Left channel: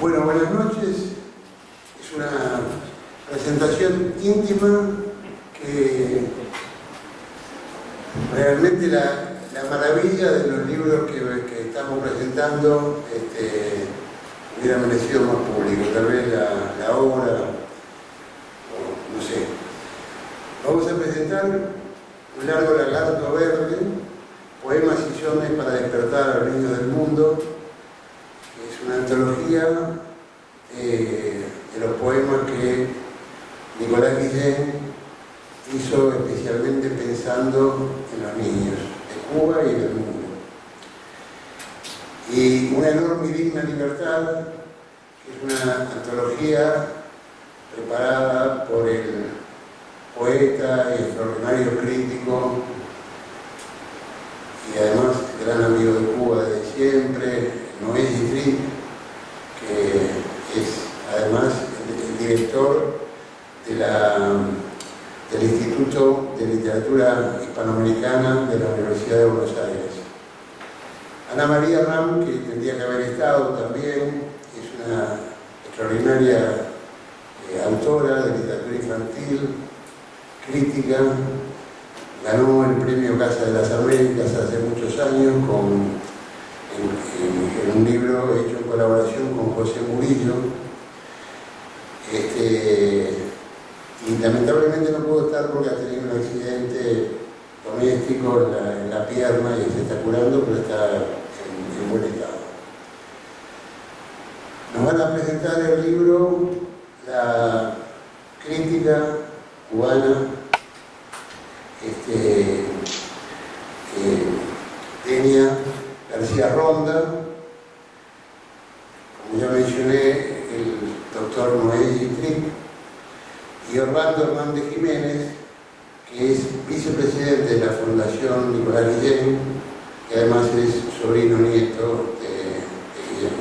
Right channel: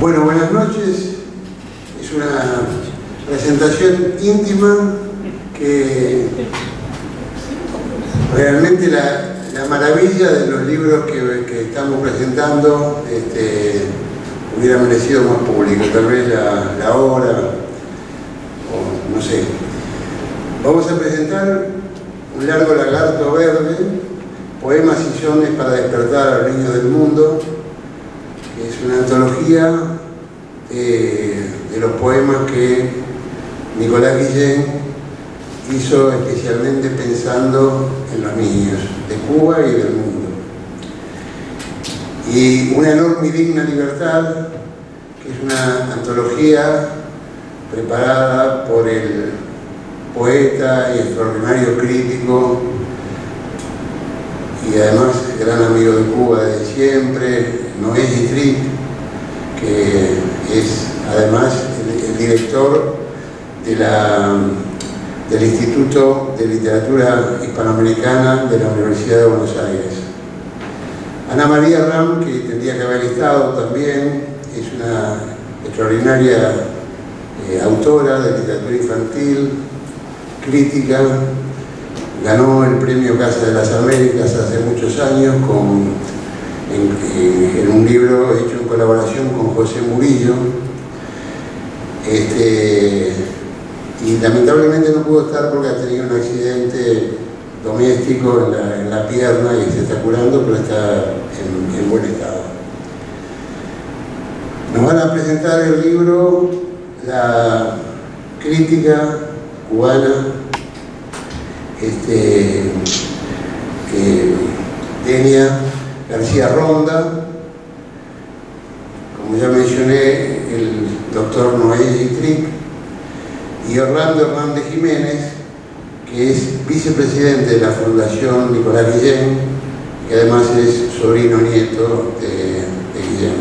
Bueno, buenas noches. Es una presentación íntima que realmente la maravilla de los libros que estamos presentando hubiera merecido más público, tal vez la obra, o no sé. Vamos a presentar Un largo lagarto verde, poemas y sones para despertar a los niños del mundo, que es una antología de los poemas que Nicolás Guillén hizo especialmente pensando en los niños de Cuba y del mundo. Y Una enorme y digna libertad, que es una antología preparada por el poeta y extraordinario crítico y además gran amigo de Cuba desde siempre, Noé Yitrick, que es además el director del Instituto de Literatura Hispanoamericana de la Universidad de Buenos Aires. Ana María Ram, que tendría que haber estado también, es una extraordinaria autora de literatura infantil, crítica, ganó el premio Casa de las Américas hace muchos años en un libro hecho en colaboración con José Murillo, y lamentablemente no pudo estar porque ha tenido un accidente doméstico en la pierna y se está curando, pero está en buen estado. Nos van a presentar el libro la crítica cubana Denia García Ronda, como ya mencioné, el doctor Noé Yitrick, y Orlando Hernández Jiménez, que es vicepresidente de la Fundación Nicolás Guillén, que además es sobrino nieto de Guillén.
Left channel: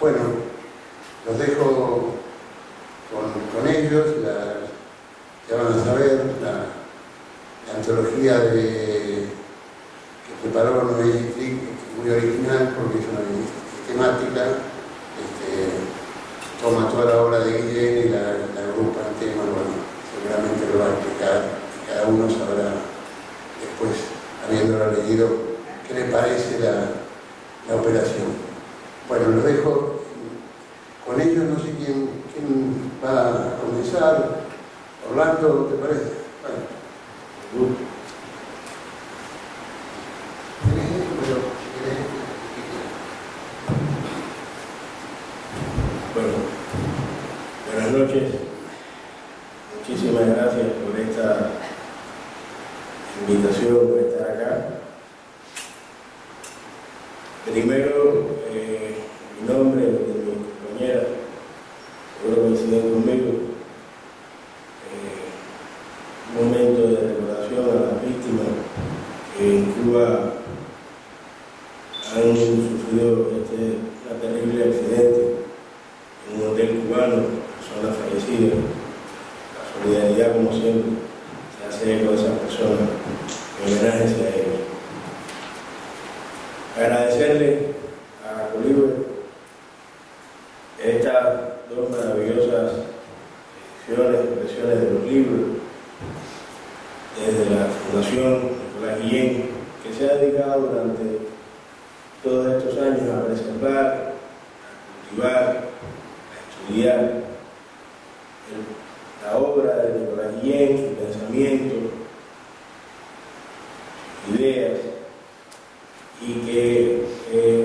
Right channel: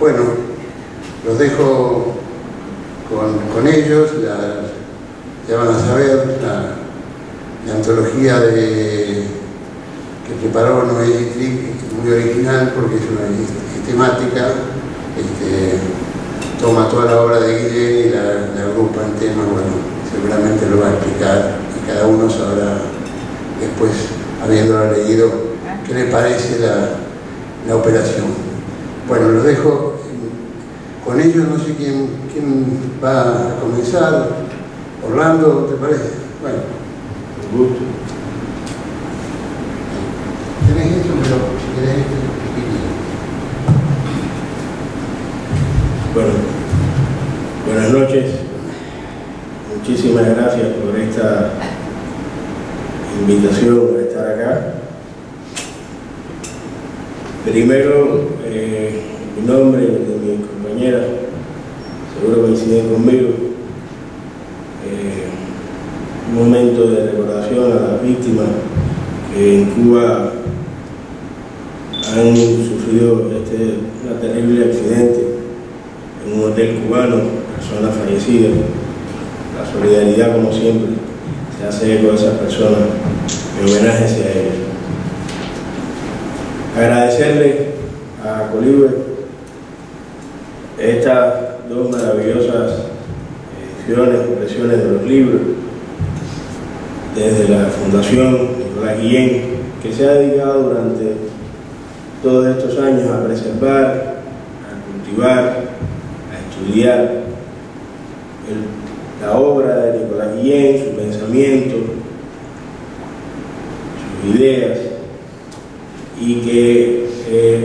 Bueno, los dejo con ellos. Ya van a saber la antología que preparó Noé Yitrick, muy original porque es temática, toma toda la obra de Guillén y la agrupa en temas. Bueno, seguramente lo va a explicar y cada uno sabrá después, habiéndolo leído, qué le parece la operación. Bueno, los dejo con ellos. No sé quién va a comenzar. Orlando, ¿te parece? Bueno, un gusto. ¿Tenés esto? Pero si querés Bueno, buenas noches. Muchísimas gracias por esta invitación a estar acá. Primero, mi nombre y el de mi compañera, seguro coinciden conmigo. Un momento de recordación a las víctimas que en Cuba han sufrido un terrible accidente en un hotel cubano, personas fallecidas. La solidaridad, como siempre, se hace eco de esas personas. Mi homenaje hacia ellos. Agradecerle a Colibé estas dos maravillosas impresiones de los libros, desde la Fundación Nicolás Guillén, que se ha dedicado durante todos estos años a preservar, a cultivar, a estudiar la obra de Nicolás Guillén, su pensamiento, sus ideas, y que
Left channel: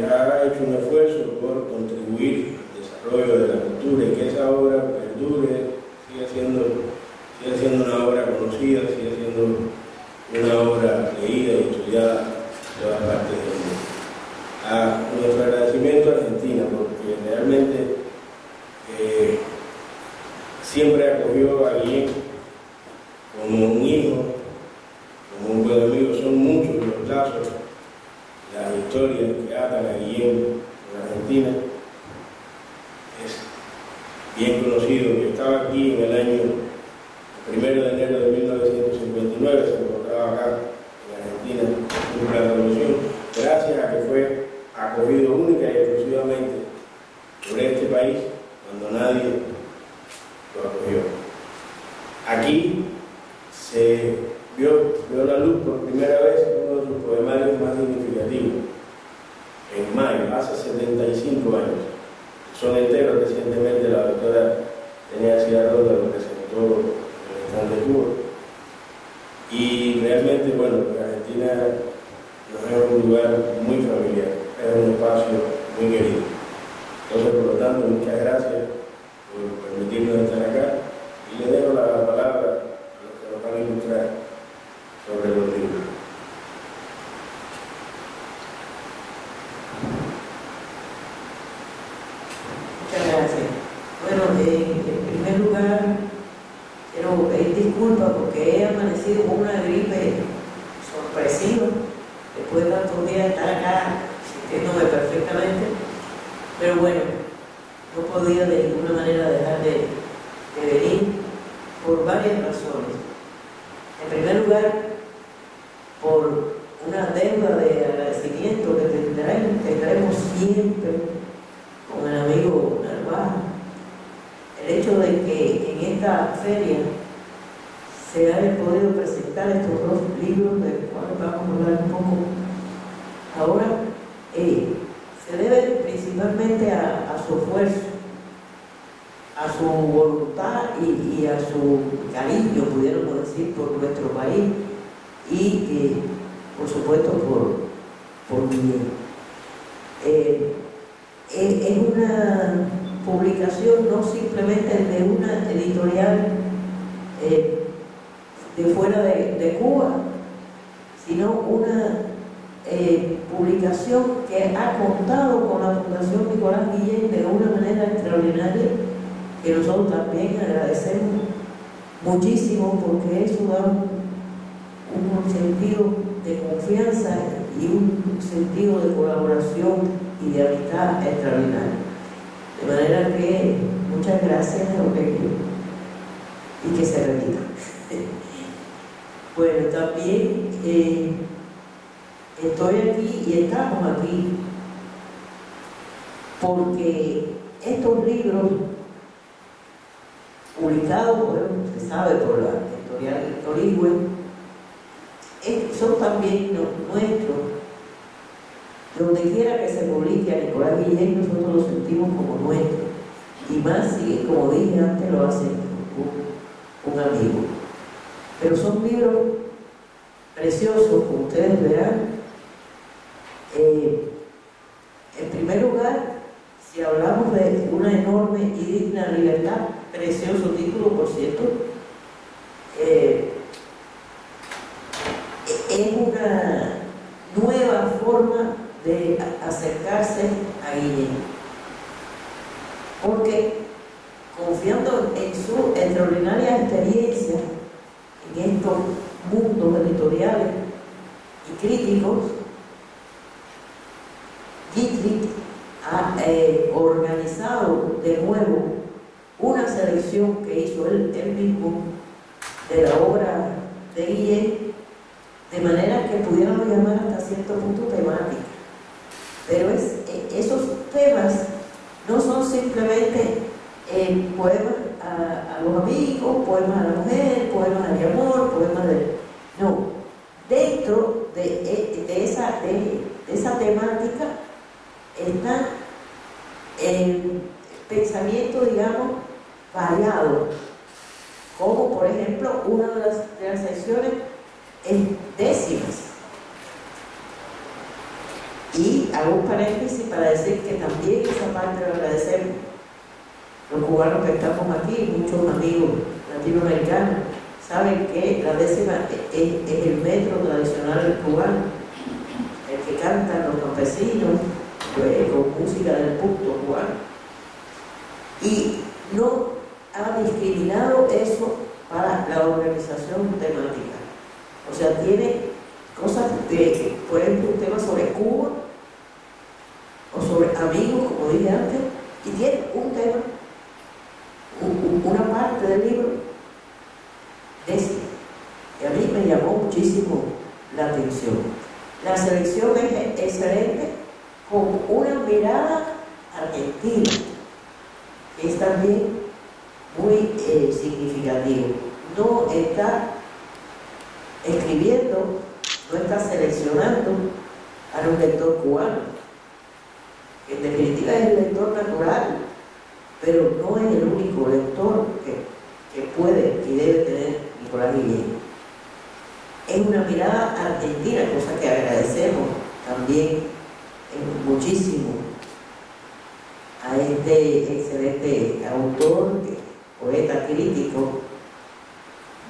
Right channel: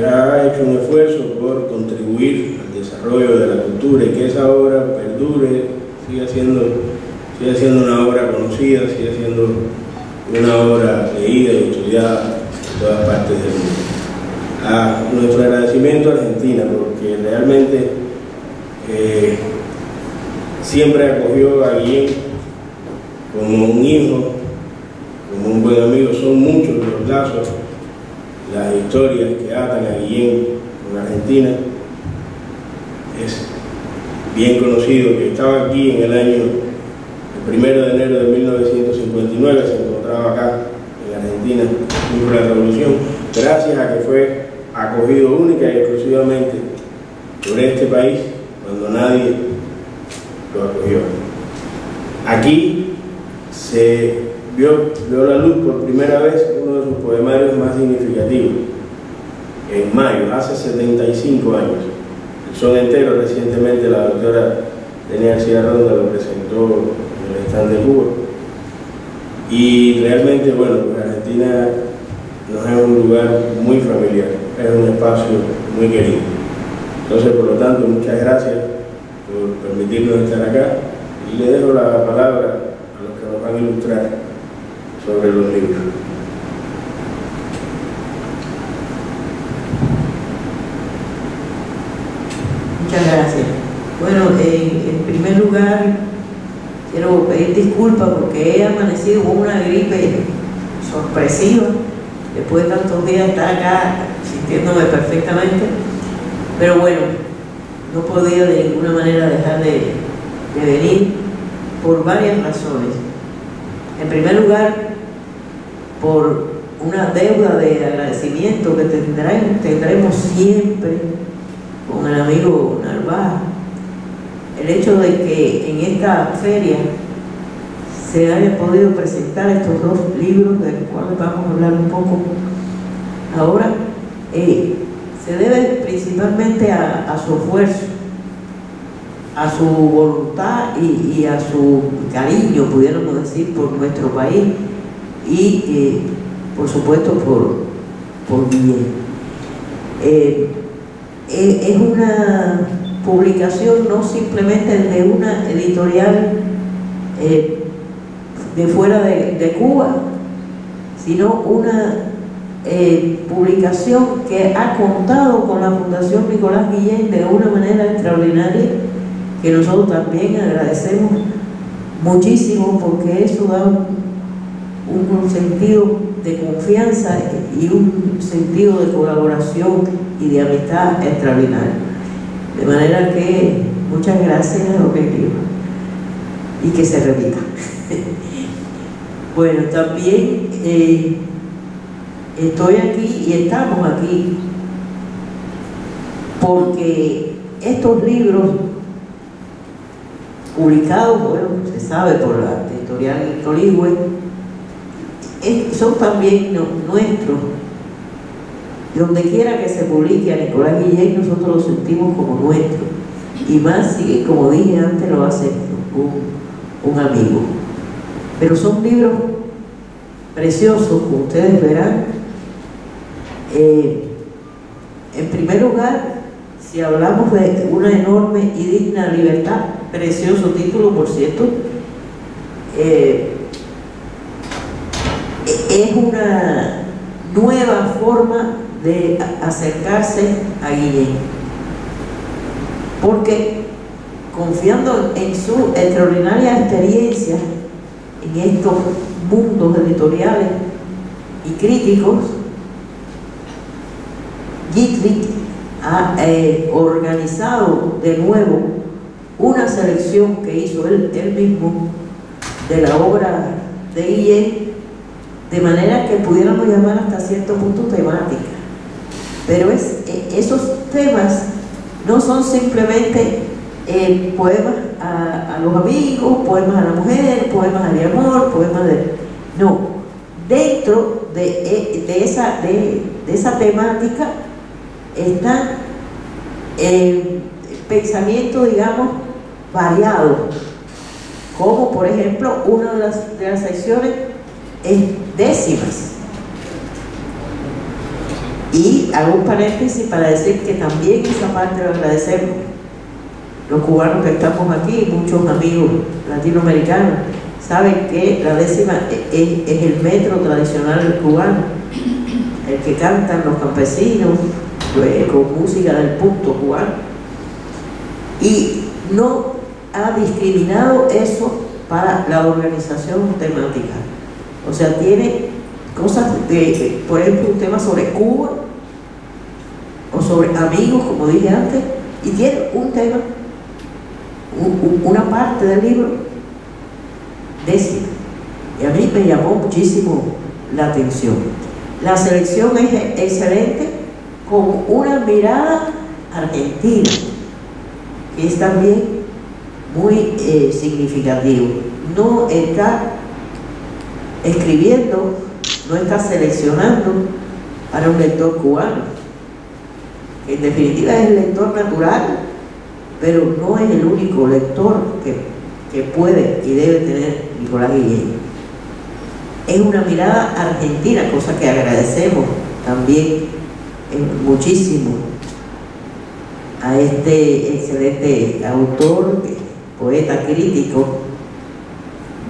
ha hecho un esfuerzo por contribuir al desarrollo de la cultura y que esa obra perdure, sigue siendo una obra conocida, sigue siendo una obra leída y estudiada en todas partes del mundo. Nuestro agradecimiento a Argentina, porque realmente siempre acogió a Guillén como un hijo, como un buen amigo. Son muchos los lazos, las historias que atan a Guillén con Argentina. Es bien conocido que estaba aquí en el 1 de enero de 1959, se encontraba acá en Argentina, por la revolución, gracias a que fue acogido única y exclusivamente por este país cuando nadie lo acogió. Aquí se vio la luz por primera vez uno de sus poemarios más significativos, en mayo, hace 75 años. El son entero, recientemente la doctora Denia García Ronda lo presentó en el stand de Cuba. Y realmente, bueno, Argentina nos es un lugar muy familiar, es un espacio muy querido. Entonces, por lo tanto, muchas gracias por permitirnos estar acá y le dejo la palabra a los que nos van a ilustrar sobre los libros. Muchas gracias. Bueno, en primer lugar, quiero pedir disculpas porque he amanecido con una gripe sorpresiva después de tantos días de estar acá sintiéndome perfectamente, pero bueno, no podía de ninguna manera dejar de venir por varias razones. En primer lugar, por una deuda de agradecimiento que tendremos siempre con el amigo Narváez. El hecho de que en esta feria se haya podido presentar estos dos libros, de los cuales vamos a hablar un poco ahora, se debe principalmente a su esfuerzo, a su voluntad y a su cariño, pudiéramos decir, por nuestro país y por supuesto por Guillén. Es una publicación no simplemente de una editorial de fuera de Cuba, sino una publicación que ha contado con la Fundación Nicolás Guillén de una manera extraordinaria, que nosotros también agradecemos muchísimo, porque eso da un sentido de confianza y un sentido de colaboración y de amistad extraordinario. De manera que muchas gracias a lo que quiero y que se repita. Bueno, también estoy aquí y estamos aquí porque estos libros publicados, bueno, se sabe por la editorial Coligüe, son también nuestros. Donde quiera que se publique a Nicolás Guillén, nosotros lo sentimos como nuestro, y más si, como dije antes, lo hace un amigo. Pero son libros preciosos, como ustedes verán. En primer lugar, si hablamos de una enorme y digna libertad, precioso título, por cierto, es una nueva forma de acercarse a Guillén, porque confiando en su extraordinaria experiencia en estos mundos editoriales y críticos, Guitry ha organizado de nuevo una selección que hizo él mismo de la obra de Guillén, de manera que pudiéramos llamar hasta cierto punto temática. Pero esos temas no son simplemente poemas a los amigos, poemas a la mujer, poemas de amor, poemas de... No, dentro de esa temática está el pensamiento, digamos, variado, como por ejemplo una de las secciones es décimas. Y hago un paréntesis para decir que también esa parte lo agradecemos los cubanos que estamos aquí, muchos amigos latinoamericanos saben que la décima es el metro tradicional cubano, el que cantan los campesinos con música del punto cubano, y no ha discriminado eso para la organización temática. O sea, tiene cosas por ejemplo, un tema sobre Cuba o sobre amigos, como dije antes, y tiene un tema, una parte del libro décima, y a mí me llamó muchísimo la atención. La selección es excelente, con una mirada argentina, que es también muy significativo. No está escribiendo, no está seleccionando para un lector cubano, que en definitiva es el lector natural, pero no es el único lector que puede y debe tener Nicolás Guillén. Es una mirada argentina, cosa que agradecemos también muchísimo a este excelente autor, poeta crítico,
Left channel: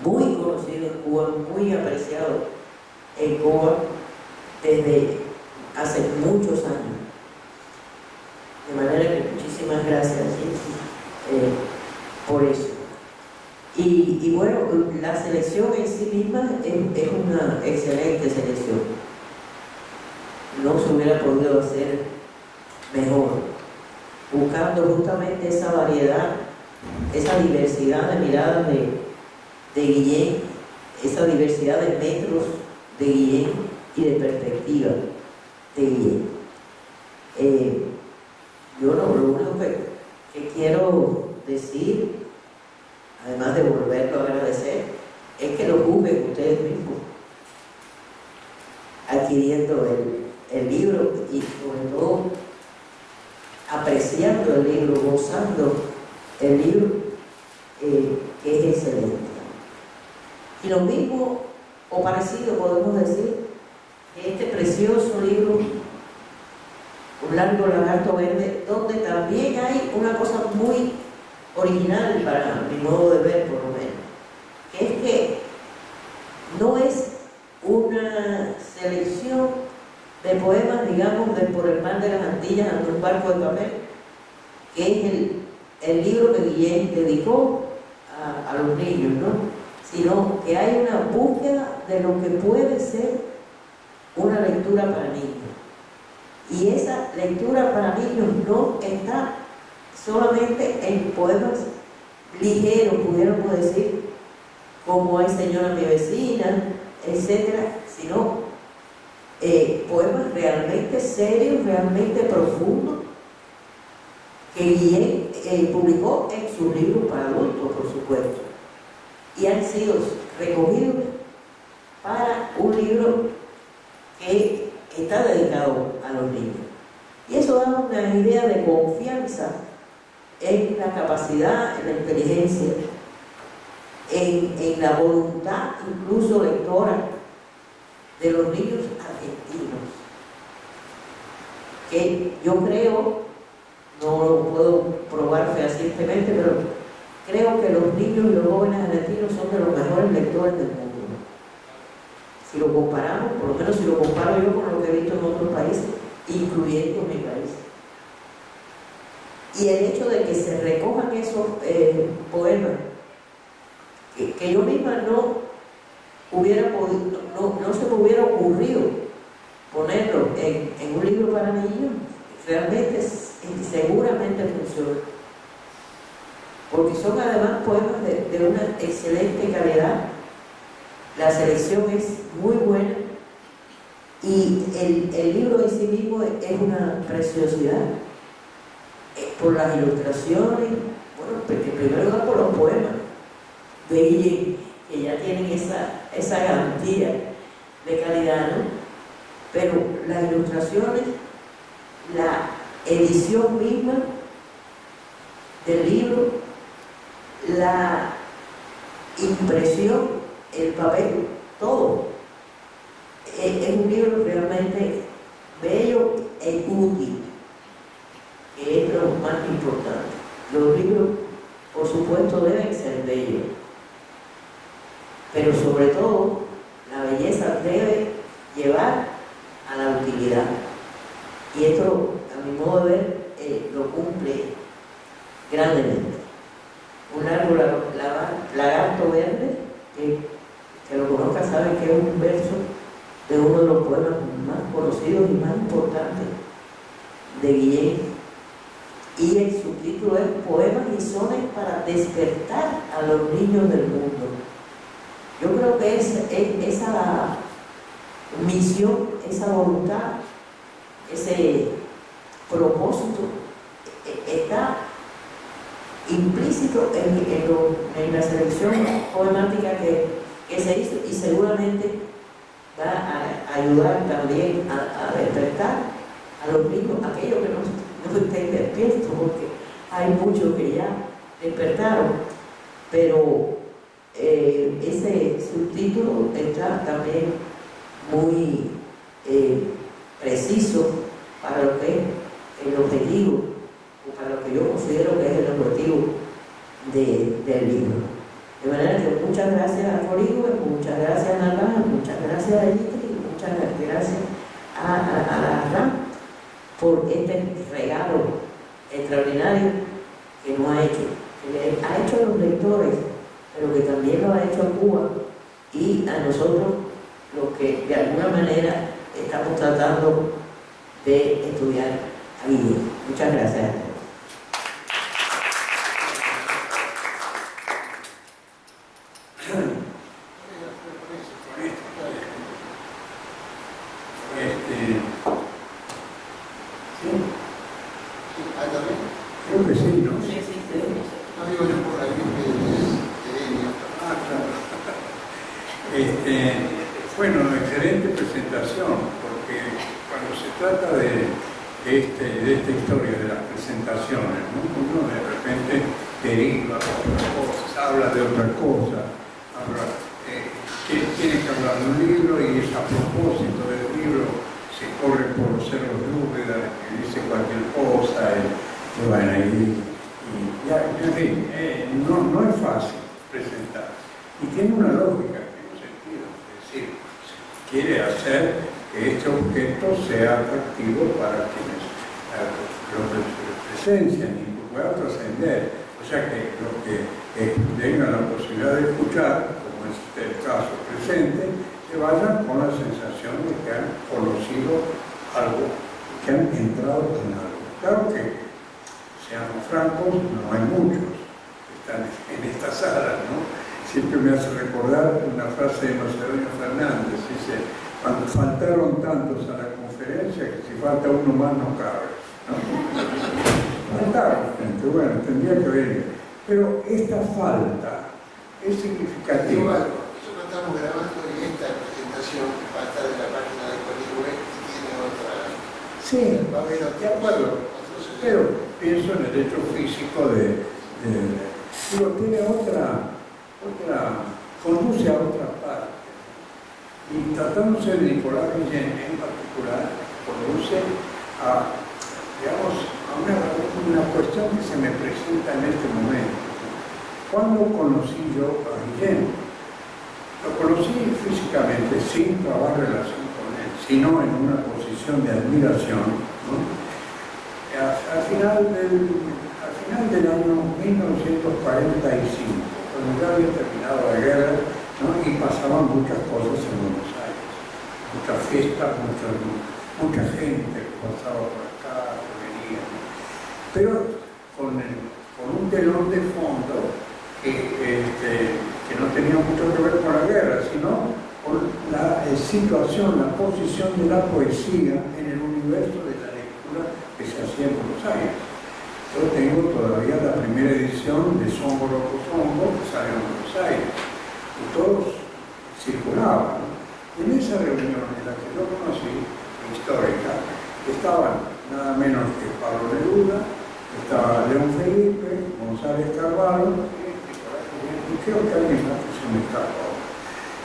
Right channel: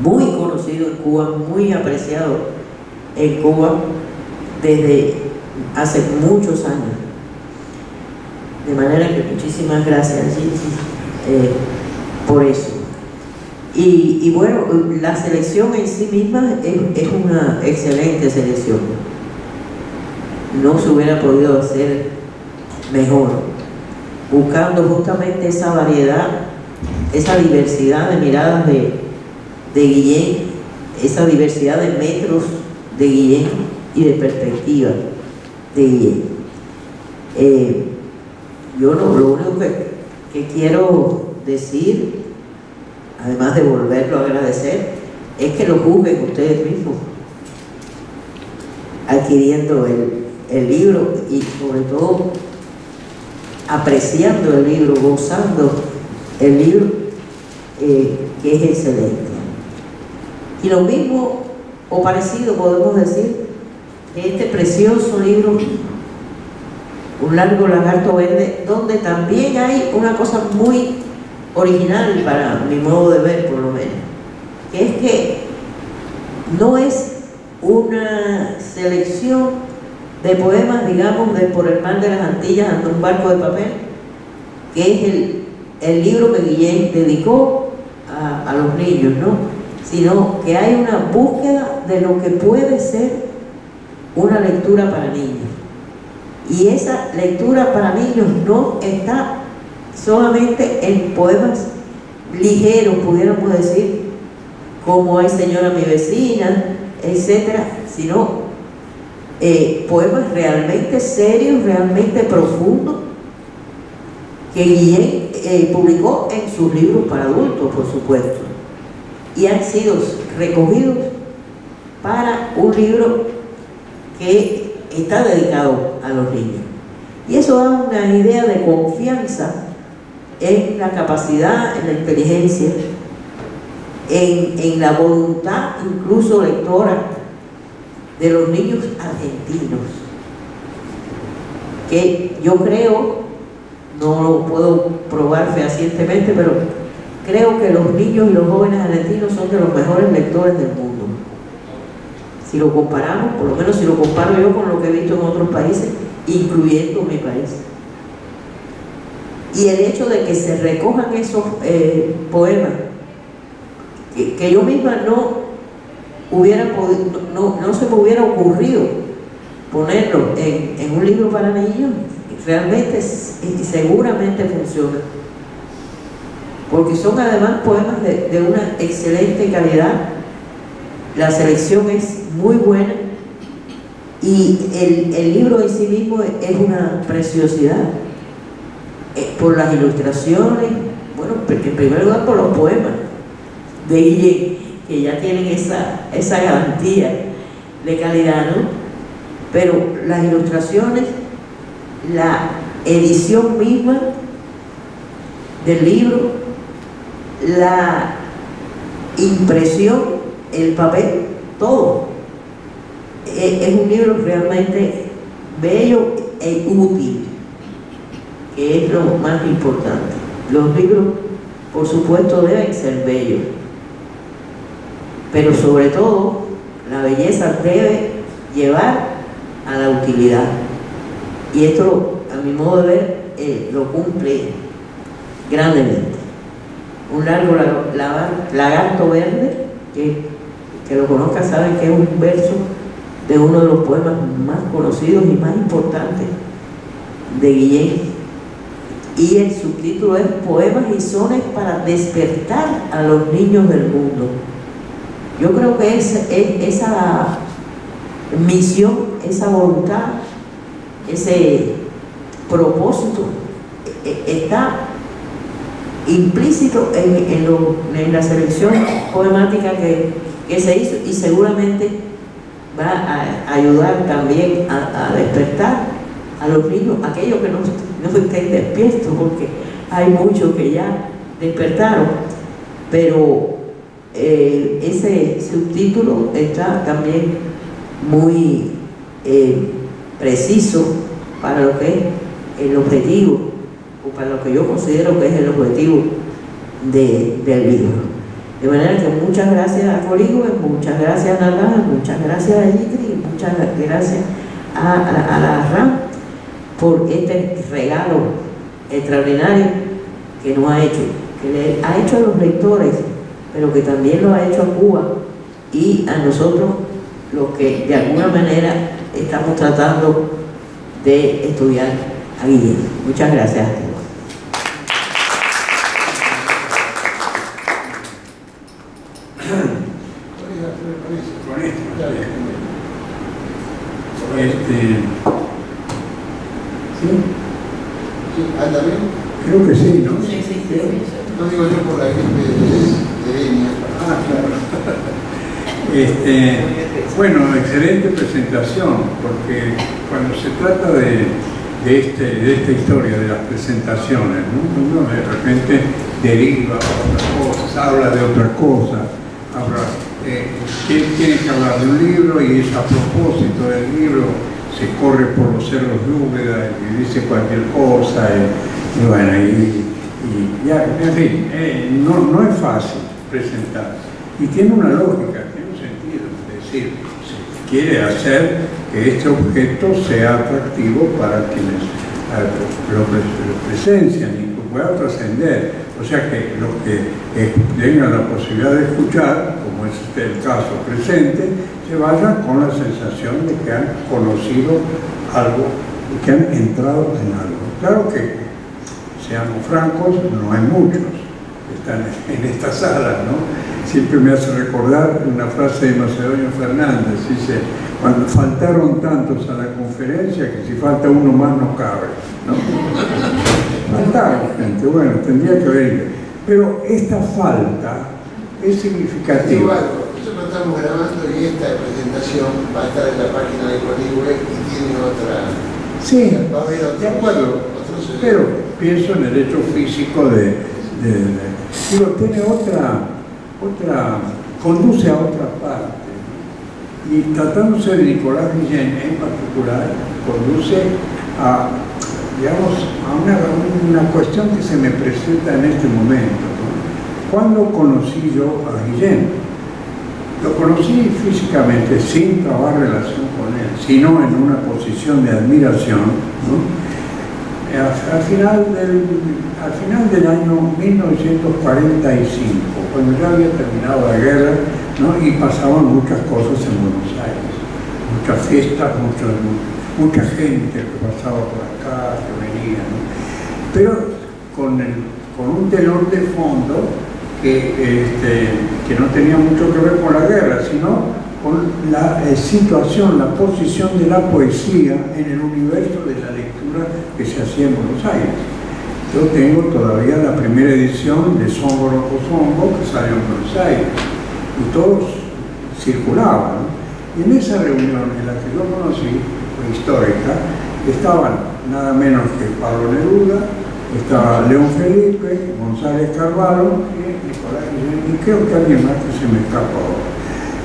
muy conocido en Cuba, muy apreciado en Cuba desde hace muchos años. De manera que muchísimas gracias, Gigi, por eso. Y bueno, la selección en sí misma es una excelente selección. No se hubiera podido hacer mejor, buscando justamente esa variedad, esa diversidad de miradas de Guillén, esa diversidad de metros de Guillén y de perspectiva de Guillén. Yo lo único que quiero decir, además de volverlo a agradecer, es que lo juzguen ustedes mismos, adquiriendo el libro y sobre todo apreciando el libro, gozando el libro, que es excelente. Y lo mismo o parecido podemos decir de este precioso libro, Un largo lagarto verde, donde también hay una cosa muy original para mi modo de ver, por lo menos, que es que no es una selección de poemas, digamos, de Por el mar de las Antillas ante un barco de papel, que es el libro que Guillén dedicó a los niños, ¿no? Sino que hay una búsqueda de lo que puede ser una lectura para niños. Y esa lectura para niños no está solamente en poemas ligeros, pudiéramos decir, como Ay señora mi vecina, etcétera, sino poemas realmente serios, realmente profundos, que Guillén publicó en sus libros para adultos, por supuesto, y han sido recogidos para un libro que está dedicado a los niños. Y eso da una idea de confianza en la capacidad, en la inteligencia, en la voluntad incluso lectora de los niños argentinos, que yo creo, no lo puedo probar fehacientemente, pero creo que los niños y los jóvenes argentinos son de los mejores lectores del mundo. Si lo comparamos, por lo menos si lo comparo yo con lo que he visto en otros países, incluyendo mi país. Y el hecho de que se recojan esos poemas, que yo misma no se me hubiera ocurrido ponerlo en un libro para niños, realmente y seguramente funciona. Porque son además poemas de una excelente calidad, la selección es muy buena y el libro en sí mismo es una preciosidad, por las ilustraciones, bueno, en primer lugar por los poemas de Guillén, que ya tienen esa garantía de calidad, ¿no? Pero las ilustraciones, la edición misma del libro, la impresión, el papel, todo. Es un libro realmente bello e útil, que es lo más importante. Los libros, por supuesto, deben ser bellos, pero sobre todo, la belleza debe llevar a la utilidad. Y esto, a mi modo de ver, lo cumple grandemente. Un largo lagarto verde, que lo conozcan saben que es un verso de uno de los poemas más conocidos y más importantes de Guillén, y el subtítulo es Poemas y sones para despertar a los niños del mundo. Yo creo que esa misión, esa voluntad, ese propósito está implícito en la selección poemática que se hizo, y seguramente va a ayudar también a despertar a los niños, aquellos que no estén despiertos, porque hay muchos que ya despertaron, pero ese subtítulo está también muy preciso para lo que es el objetivo, o para lo que yo considero que es el objetivo del libro. De manera que muchas gracias a Coligüe, muchas gracias a Natán, muchas gracias a Yitri, muchas gracias a la RAM por este regalo extraordinario que nos ha hecho, que le ha hecho a los lectores, pero que también lo ha hecho a Cuba y a nosotros, los que de alguna manera estamos tratando de estudiar a Guillén. Muchas gracias a todos. ¿Sí? ¿Anda bien? Creo que sí, ¿no? Sí. No digo yo por la gripe de Denia. Ah, claro. Bueno, excelente presentación, porque cuando se trata de esta historia de las presentaciones, ¿no? Uno de repente deriva a otras cosas, habla de otra cosa, tiene que hablar de un libro y es a propósito del libro, se corre por los cerros de Úbeda y dice cualquier cosa, y bueno, y ya, en fin, no es fácil presentar, y tiene una lógica, tiene un sentido, es decir, se quiere hacer que este objeto sea atractivo para quienes lo presencian y que pueda trascender, o sea que los que tengan la posibilidad de escuchar, como es el caso presente, se vayan con la sensación de que han conocido algo y que han entrado en algo. Claro que, seamos francos, no hay muchos que están en esta sala, ¿no? Siempre me hace recordar una frase de Macedonio Fernández, dice: cuando faltaron tantos a la conferencia que si falta uno más no cabe, ¿no? Faltaron gente, bueno, tendría que haber. Pero esta falta es significativa. Digo algo, nosotros estamos grabando y esta presentación va a estar en la página de Coligüe y tiene otra. Sí, va a haber de acuerdo, pero pienso en el hecho físico digo, tiene conduce a otra parte, ¿no? Y tratándose de Nicolás Guillén en particular, conduce a, digamos, a una cuestión que se me presenta en este momento, ¿no? ¿Cuándo conocí yo a Guillén? Lo conocí físicamente, sin trabar relación con él, sino en una posición de admiración, ¿no? Al final del año 1945, cuando ya había terminado la guerra, ¿no? Y pasaban muchas cosas en Buenos Aires, muchas fiestas, mucha gente que pasaba por acá, que venía, ¿no? Pero con un telón de fondo que no tenía mucho que ver con la guerra, sino con la situación, la posición de la poesía en el universo de la lectura que se hacía en Buenos Aires. Yo tengo todavía la primera edición de Songo Loco Songo que salió en Buenos Aires y todos circulaban, ¿no? Y en esa reunión en la que yo conocí, fue histórica, estaban nada menos que Pablo Neruda, estaba León Felipe, González Carvalho y Nicolás Guillén, y creo que alguien más que se me escapa ahora.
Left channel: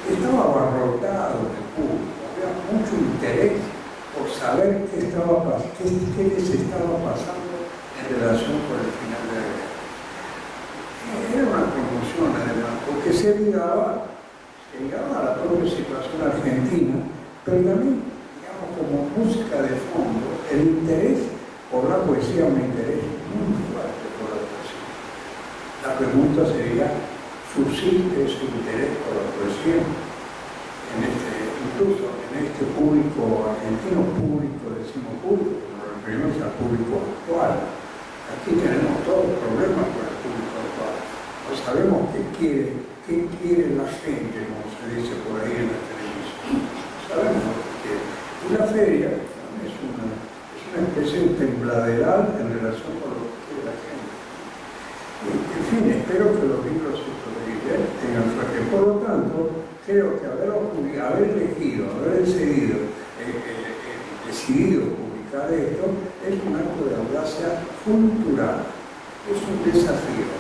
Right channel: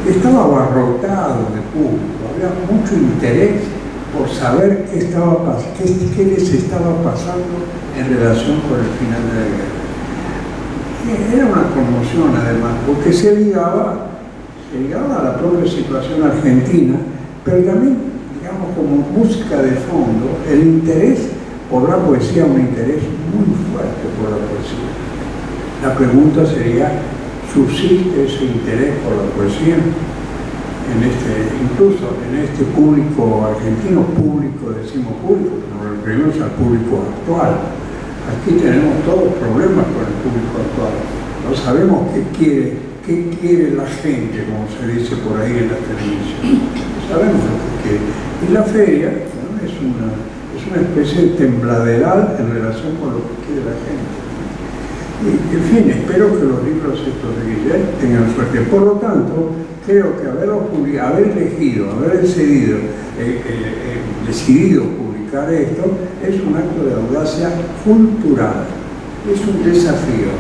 Estaba abarrotado de público, había mucho interés por saber qué les estaba pasando en relación con el final de la guerra. Era una conmoción además, porque se ligaba a la propia situación argentina, pero también, digamos, como música de fondo, el interés por la poesía, un interés muy fuerte por la poesía. La pregunta sería: ¿subsiste ese interés por la poesía incluso en este público argentino? Público, decimos público, pero nos referimos al público actual. Aquí tenemos todos problemas con el público actual. No sabemos qué quiere la gente, como se dice por ahí en la televisión. No sabemos lo que quiere. Y la feria, ¿no? es una especie de tembladeral en relación con lo que quiere la gente. Y, en fin, espero que los libros estos de Guillén tengan suerte. Por lo tanto, creo que haber decidido publicar esto es un acto de audacia cultural, es un desafío.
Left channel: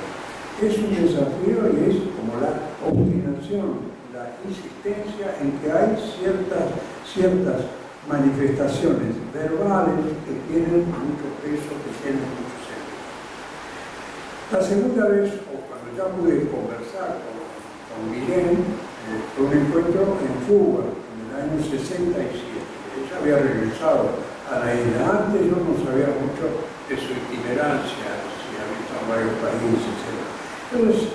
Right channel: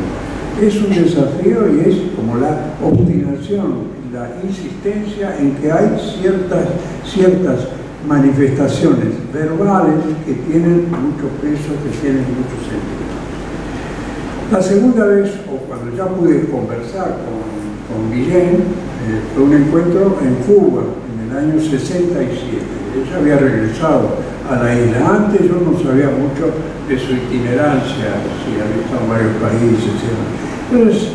Es un desafío y es como la obstinación, la insistencia en que hay ciertas manifestaciones verbales que tienen mucho peso, que tienen mucho sentido. La segunda vez, o cuando ya pude conversar con Guillén, fue un encuentro en Cuba, en el año 67. Ella había regresado a la isla. Antes yo no sabía mucho de su itinerancia, si había estado en varios países. Entonces,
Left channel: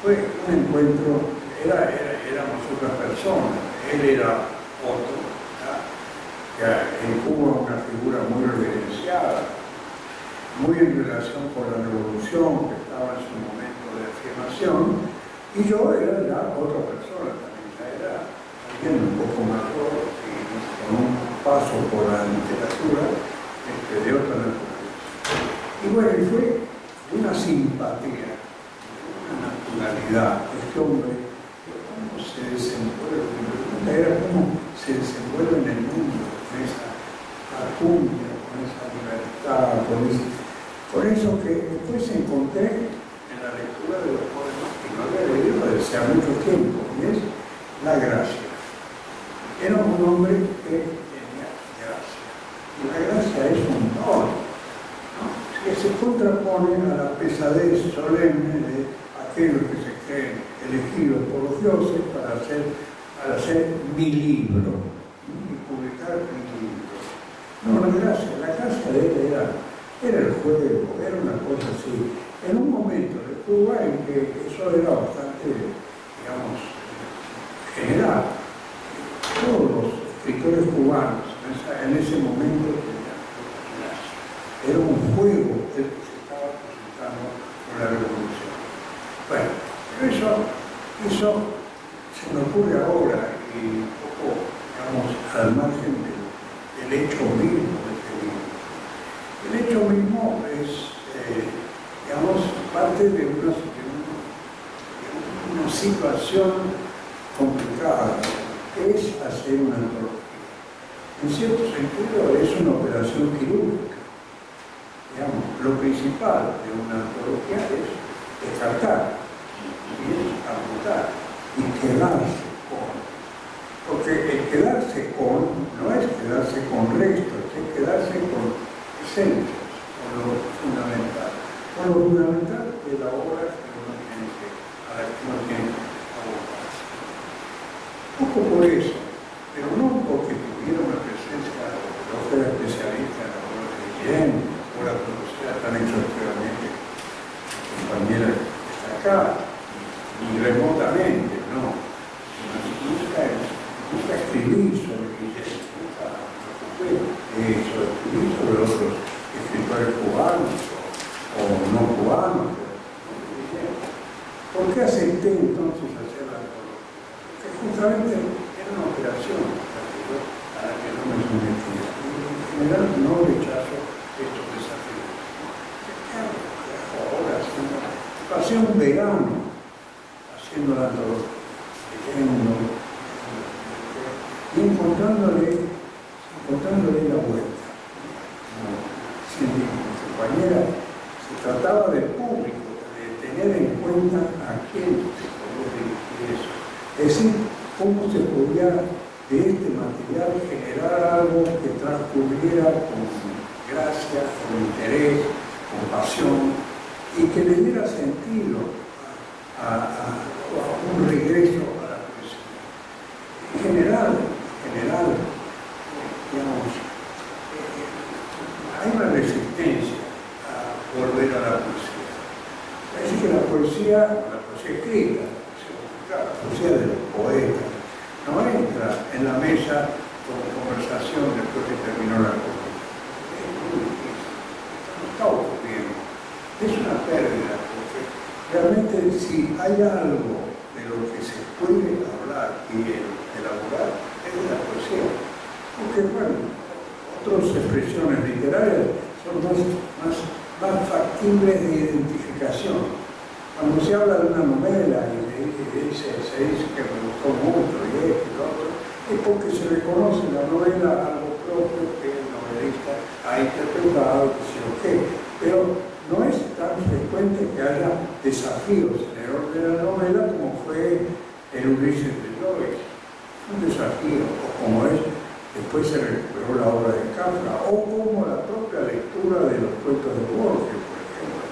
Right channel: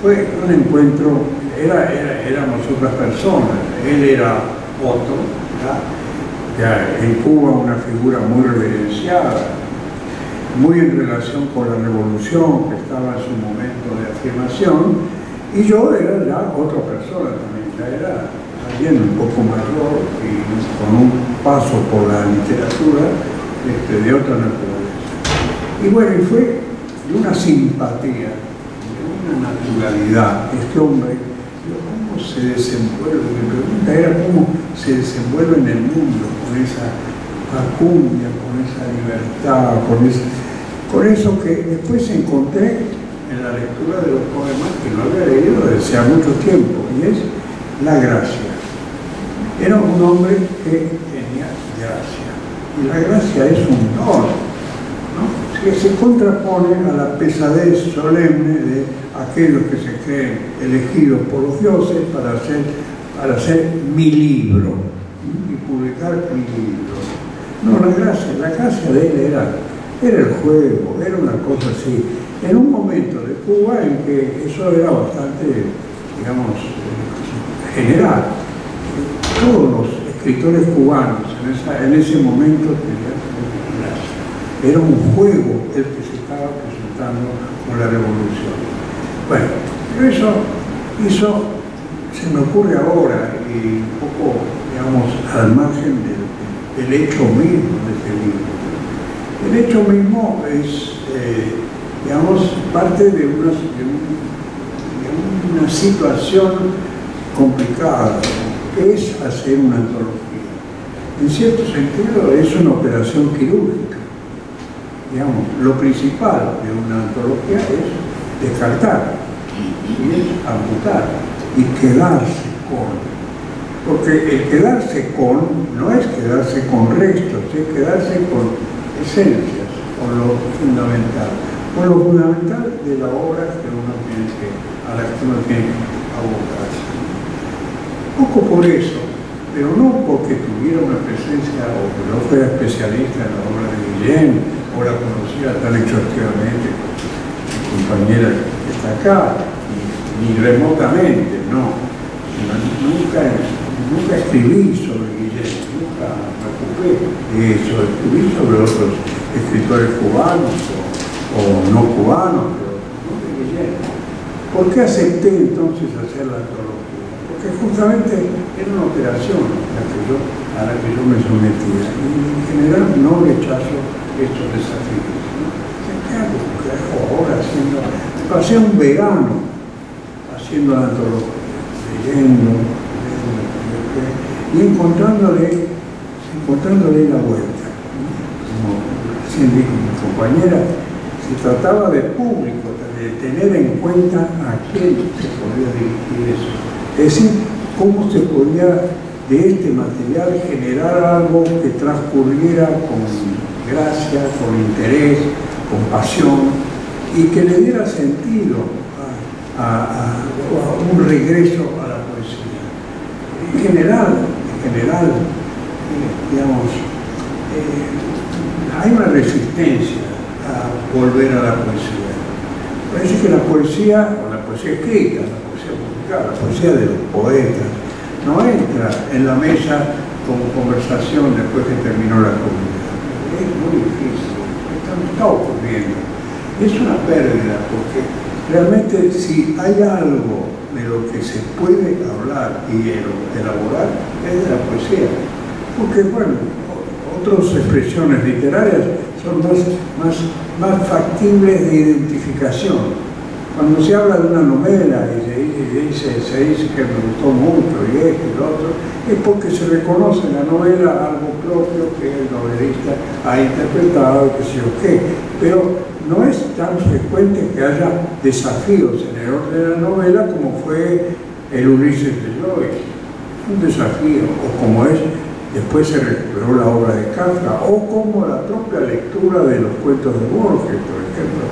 fue un encuentro, éramos otras personas. Él era otro, ya en Cuba una figura muy reverenciada, muy en relación con la revolución que estaba en su momento de afirmación, y yo era ya otra persona también, ya era alguien un poco mayor y con un paso por la literatura de otra naturaleza. Y bueno, y fue de una simpatía, de una naturalidad. Este hombre, ¿cómo se desenvuelve? Mi pregunta era cómo se desenvuelve en el mundo, con esa facundia, con esa libertad, con eso que después encontré en la lectura de los poemas que no había leído desde hace mucho tiempo, y es la gracia. Era un hombre que tenía gracia, y la gracia es un don, ¿no? Que se contrapone a la pesadez solemne de aquellos que se creen elegidos por los dioses para hacer mi libro y publicar mi libro. No, la gracia de él era el juego, era una cosa así. En un momento de Cuba en que eso era bastante, digamos, general. Todos los escritores cubanos en ese momento tenían una gracia. Era un juego el que se estaba presentando con la revolución. Bueno, pero eso se me ocurre ahora y un poco, digamos, al margen del hecho mismo de este libro. El hecho mismo es, digamos, parte de una situación complicada, que es hacer una antología. En cierto sentido es una operación quirúrgica. Digamos, lo principal de una antología es descartar, y es amputar, y quedarse con. Porque el quedarse con no es quedarse con restos, es quedarse con esencias, con lo fundamental de la obra a la que uno tiene que abocarse. Poco por eso, pero no porque tuviera una presencia o que no fuera especialista en la obra de Guillén o la conocía tan exhaustivamente como mi compañera que está acá, ni remotamente, no. Nunca escribí sobre Guillén, nunca me ocupé de eso, escribí sobre otros escritores cubanos o no cubanos, pero no de Guillén. ¿Por qué acepté entonces hacer la antología? Porque justamente era una operación a la que yo me sometía, y en general no rechazo estos desafíos, ¿no? ¿Qué hago ahora haciendo? Me pasé un verano haciendo la antología, leyendo y encontrándole la vuelta. Como recién dijo mi compañera, se trataba de público, de tener en cuenta a quién se podía dirigir eso. Es decir, cómo se podía de este material generar algo que transcurriera con gracia, con interés, con pasión, y que le diera sentido a un regreso a la poesía. En general, digamos, hay una resistencia a volver a la poesía. Parece que la poesía, o la poesía escrita, la poesía publicada, la poesía de los poetas, no entra en la mesa como conversación después que terminó la comida. Es muy difícil, esto no está ocurriendo. Es una pérdida, porque realmente si hay algo de lo que se puede hablar y elaborar es de la poesía. Porque, bueno, otras expresiones literarias son más factibles de identificación. Cuando se habla de una novela y se dice que me gustó mucho y esto y lo otro, es porque se reconoce en la novela algo propio que el novelista ha interpretado, que sé yo qué. Pero no es tan frecuente que haya desafíos en el orden de la novela como fue el Ulises de Joyce. Un desafío, o como es, después se recuperó la obra de Kafka, o como la propia lectura de los cuentos de Borges, por ejemplo.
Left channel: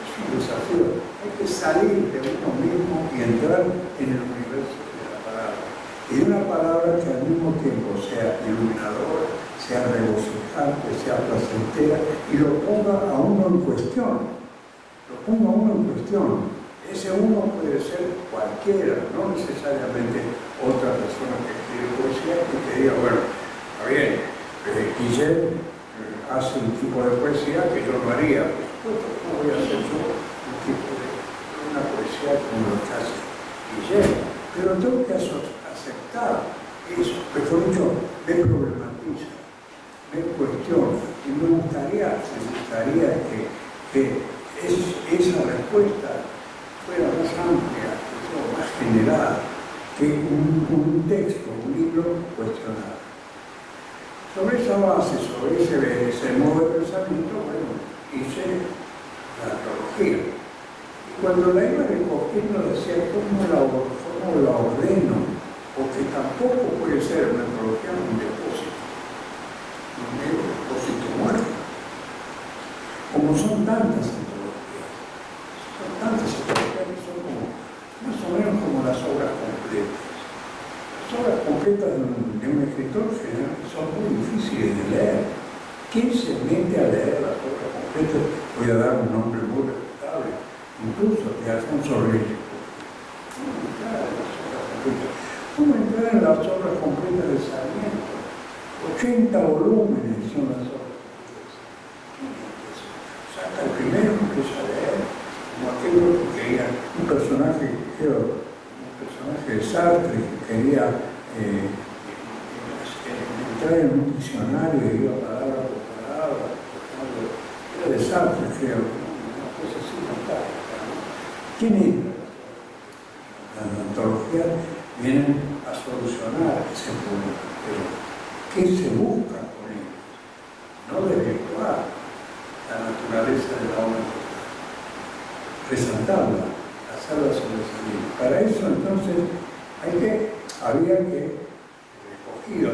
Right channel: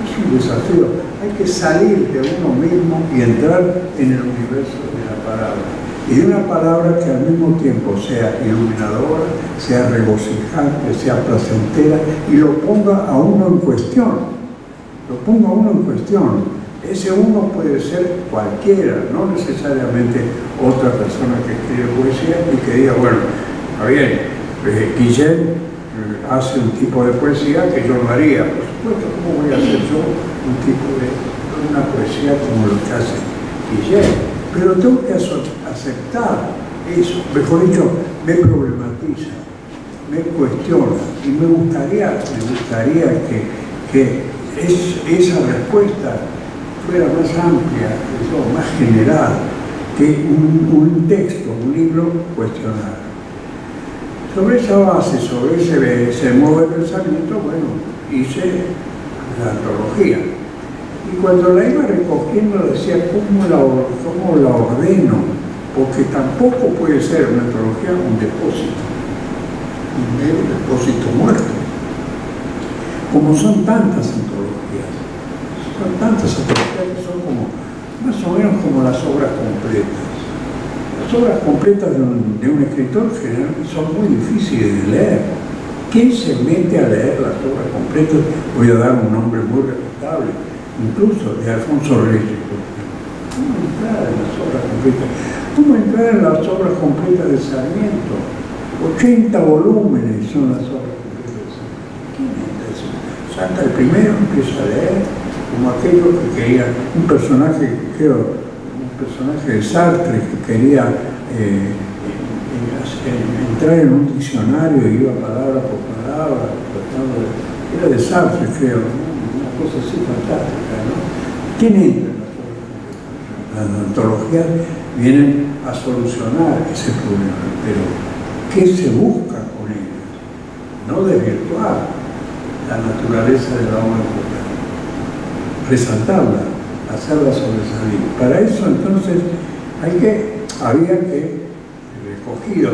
Es un desafío. Hay que salir de uno mismo y entrar en el universo de la palabra. Y de una palabra que al mismo tiempo sea iluminadora, sea regocijante, sea placentera, y lo ponga a uno en cuestión. Lo ponga a uno en cuestión. Ese uno puede ser cualquiera, no necesariamente otra persona que escribe poesía y que diga, bueno, está bien, Guillén hace un tipo de poesía que yo no haría. Por supuesto, ¿cómo voy a hacer yo un tipo de una poesía como lo que hace Guillén? Pero tengo que aceptar eso, mejor dicho, me problematiza, me cuestiona, y me gustaría que esa respuesta fuera más amplia, más general, que un texto, un libro cuestionara. Sobre esa base, sobre ese modo de pensamiento, bueno, hice la antología. Y cuando la iba recogiendo decía, ¿cómo la ordeno? Porque tampoco puede ser una antología un depósito, un mero depósito muerto. Como son tantas antologías que son como, más o menos como las obras completas. Las obras completas de un escritor generalmente son muy difíciles de leer. ¿Quién se mete a leer las obras completas? Voy a dar un nombre muy respetable, incluso de Alfonso Reyes, por ejemplo. ¿Cómo entrar en las obras completas? ¿Cómo entrar en las obras completas de Sarmiento? 80 volúmenes son las obras completas de Sarmiento. ¿Quién entra eso? Salta el primero, empieza a leer, como aquello que quería, un personaje de Sartre que quería entrar en un diccionario y iba palabra por palabra, era de Sartre, creo, ¿no? Una cosa así fantástica, ¿no? ¿Quién entra en las obras completas? Las antologías vienen a solucionar ese problema, pero ¿qué se busca con ellas? No desvirtuar la naturaleza de la obra importante, resaltarla, hacerla sobresalir. Para eso entonces había que recogido,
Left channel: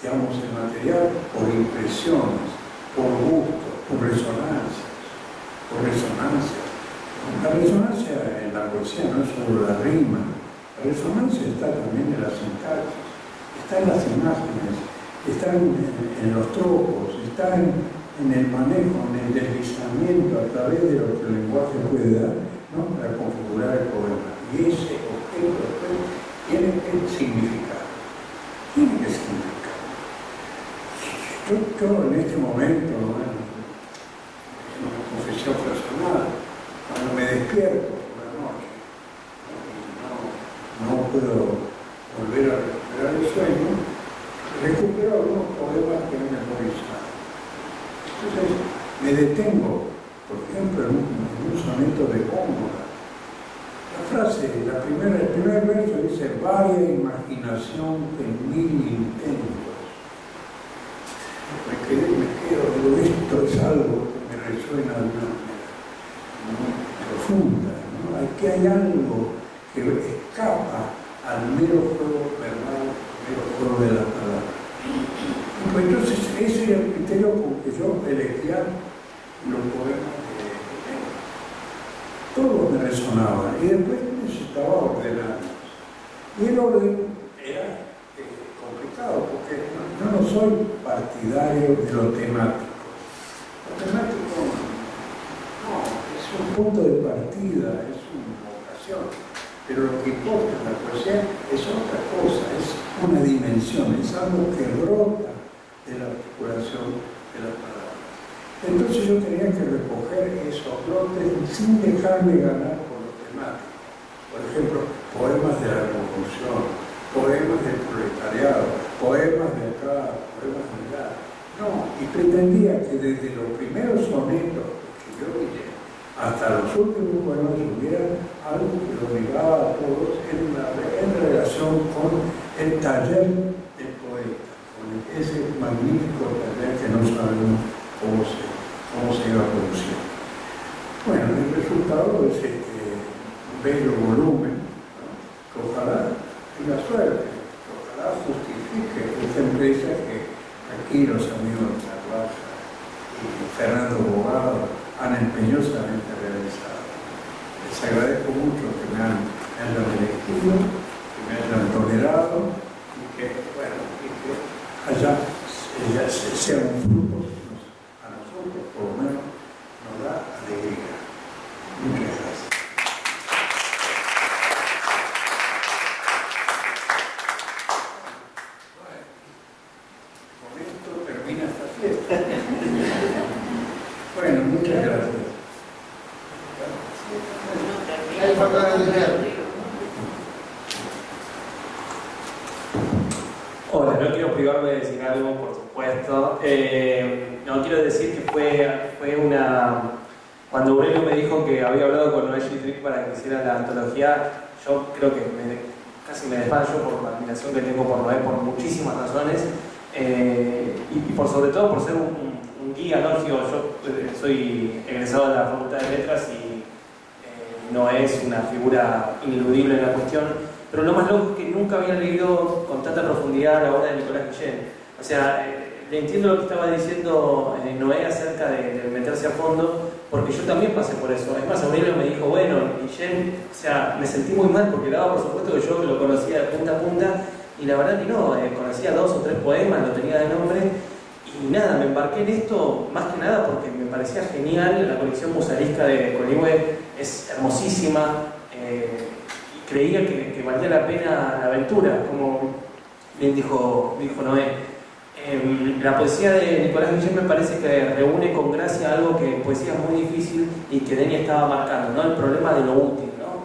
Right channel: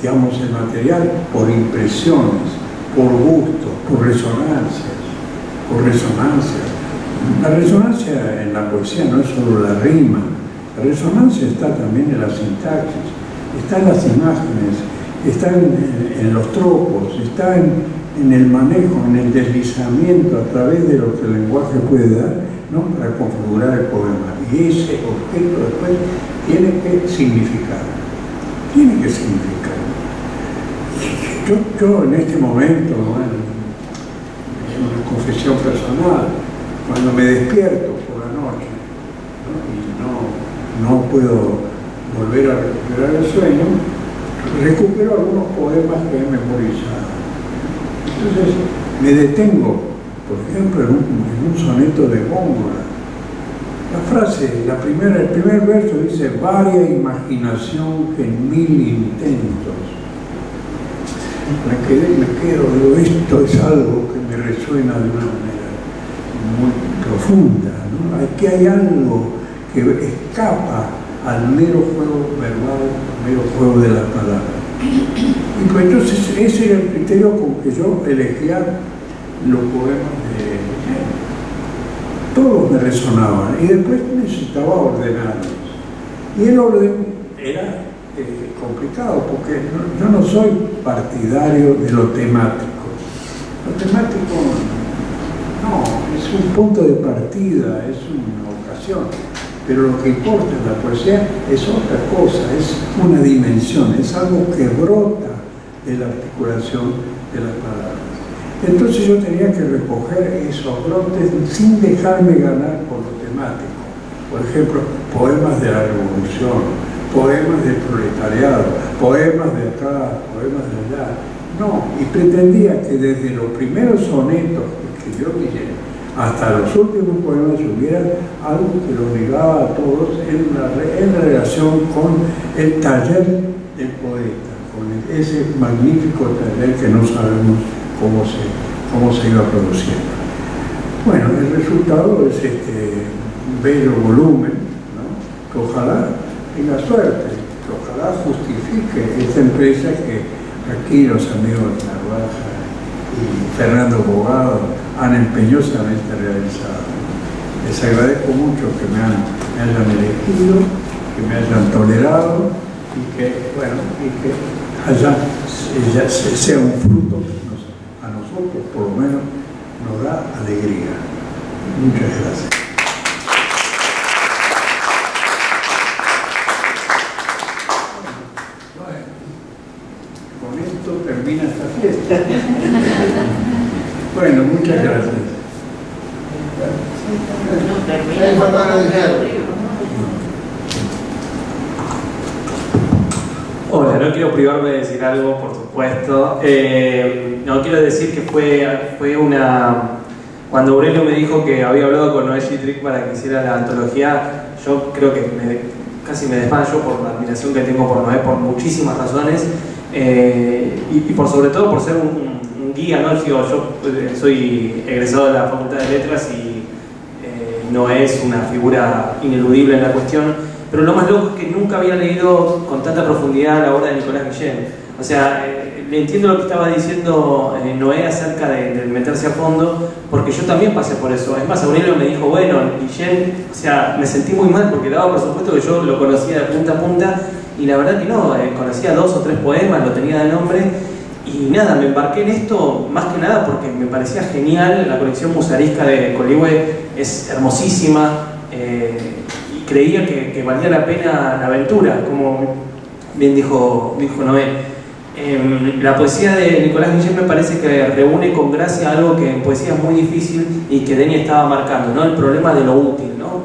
digamos, el material por impresiones, por gusto, por resonancias. La resonancia en la poesía no es solo la rima, la resonancia está también en la sintaxis, está en las imágenes, está en los tropos, está en el manejo, en el deslizamiento a través de lo que el lenguaje puede dar, ¿no? Para configurar el poema. Y ese objeto después tiene que significar. Yo en este momento, bueno, es una confesión personal, cuando me despierto por la noche, ¿no? Y no puedo volver a recuperar el sueño, recupero algunos poemas que he memorizado. Entonces me detengo, por ejemplo, en un soneto de Góngora. La frase, el primer verso dice, varia imaginación que en 1000 intentos. Me quedo, digo, esto es algo que me resuena de una manera muy profunda, ¿no? Aquí hay algo que escapa al mero juego verbal, al mero juego de las palabras. Y pues entonces ese era el criterio con que yo elegía los poemas de Guillén. Todos me resonaban y después necesitaba ordenarlos. Y el orden era complicado porque yo no soy partidario de lo temático. Lo temático no, es un punto de partida, es una ocasión. Pero lo que importa en la poesía es otra cosa, es una dimensión, es algo que brota de la articulación de las palabras. Entonces yo tenía que recoger esos brotes sin dejarme ganar por lo temático. Por ejemplo, poemas de la Revolución, poemas del proletariado, poemas de acá, poemas de allá. No, y pretendía que desde los primeros sonetos que escribió Guillén hasta los últimos poemas hubiera algo que lo ligaba a todos en la relación con el taller del poeta, con ese magnífico taller que no sabemos cómo se iba produciendo. Bueno, el resultado es este bello volumen, ¿no? Que ojalá tenga suerte, que ojalá justifique esta empresa que aquí los amigos Narvaja y Fernando Bogado han empeñosamente realizado. Les agradezco mucho que me hayan elegido, que me hayan tolerado y que, bueno, y que sea un fruto que a nosotros, por lo menos, nos da alegría. Muchas gracias. Con esto termina esta fiesta. Bueno, muchas gracias. Hola, no quiero privarme de decir algo, por supuesto. No, quiero decir que fue una... Cuando Aurelio me dijo que había hablado con Noé Gittrick para que hiciera la antología, yo creo que casi me desmayo por la admiración que tengo por Noé, por muchísimas razones, y por sobre todo por ser un guía, ¿no? Yo soy egresado de la Facultad de Letras y Noé es una figura ineludible en la cuestión, pero lo más loco es que nunca había leído con tanta profundidad la obra de Nicolás Guillén. O sea, le entiendo lo que estaba diciendo Noé acerca de meterse a fondo, porque yo también pasé por eso. Es más, Aurelio me dijo, bueno, Guillén, o sea, me sentí muy mal porque daba por supuesto que yo lo conocía de punta a punta, y la verdad que no, conocía 2 o 3 poemas, lo tenía de nombre, y nada, me embarqué en esto más que nada porque me parecía genial. La colección musaresca de Coligüe es hermosísima, y creía que valía la pena la aventura, como bien dijo Noé. La poesía de Nicolás Guillén me parece que reúne con gracia algo que en poesía es muy difícil y que Denis estaba marcando, ¿no? El problema de lo útil, ¿no?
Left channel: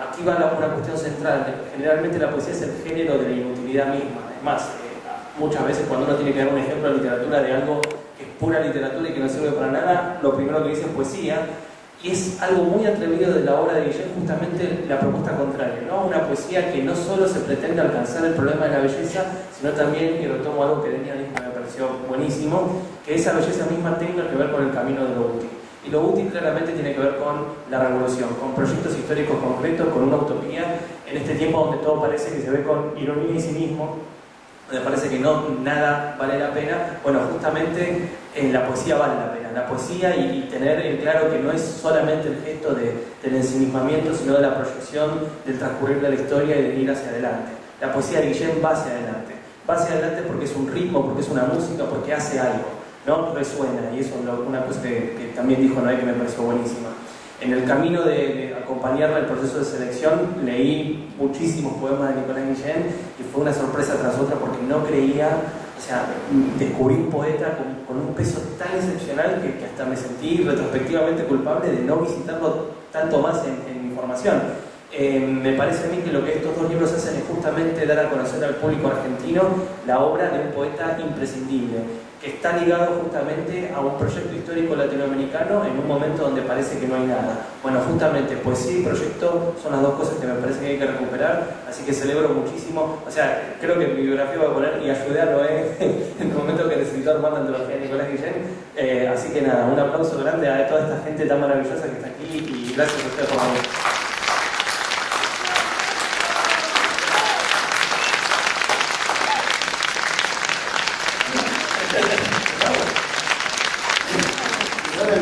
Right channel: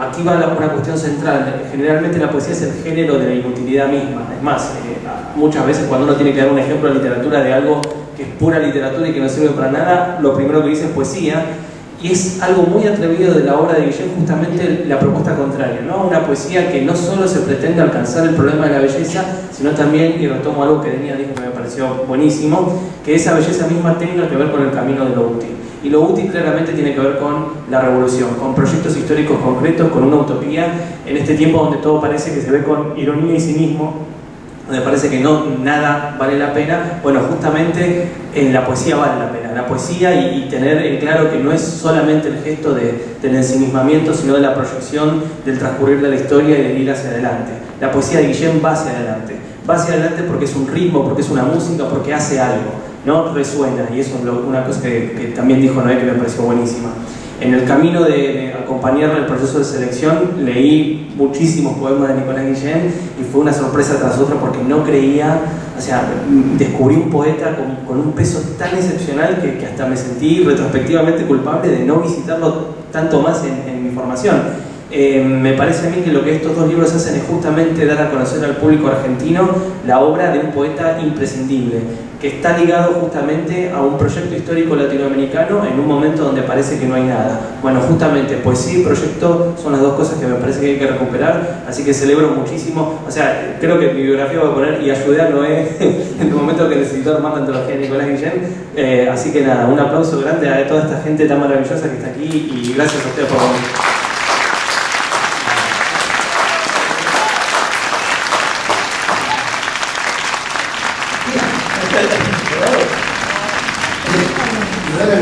Aquí va una cuestión central. Generalmente la poesía es el género de la inutilidad misma. Es más, muchas veces cuando uno tiene que dar un ejemplo de literatura de algo que es pura literatura y que no sirve para nada, lo primero que dice es poesía. Y es algo muy atrevido de la obra de Guillén, justamente la propuesta contraria, ¿no? Una poesía que no solo se pretende alcanzar el problema de la belleza, sino también, y retomo algo que Denis dijo que me pareció buenísimo, que esa belleza misma tenga que ver con el camino de lo útil. Y lo útil claramente tiene que ver con la revolución, con proyectos históricos concretos, con una utopía, en este tiempo donde todo parece que se ve con ironía y cinismo, donde parece que nada vale la pena. Bueno, justamente la poesía vale la pena. La poesía y tener en claro que no es solamente el gesto del ensimismamiento, sino de la proyección del transcurrir de la historia y de ir hacia adelante. La poesía de Guillén va hacia adelante. Va hacia adelante porque es un ritmo, porque es una música, porque hace algo, ¿no? Resuena, y eso es una cosa que también dijo Noé que me pareció buenísima. En el camino de acompañarle el proceso de selección, leí muchísimos poemas de Nicolás Guillén y fue una sorpresa tras otra porque no creía, o sea, descubrí un poeta con un peso tan excepcional que hasta me sentí retrospectivamente culpable de no visitarlo tanto más en mi formación. Me parece a mí que lo que estos 2 libros hacen es justamente dar a conocer al público argentino la obra de un poeta imprescindible, que está ligado justamente a un proyecto histórico latinoamericano en un momento donde parece que no hay nada. Bueno, justamente poesía y proyecto son las 2 cosas que me parece que hay que recuperar, así que celebro muchísimo. O sea, creo que mi biografía va a poner y ayudé a Noé en el momento que necesitó armar la antología de Nicolás Guillén. Así que nada, un aplauso grande a toda esta gente tan maravillosa que está aquí y gracias a ustedes por venir. Ahora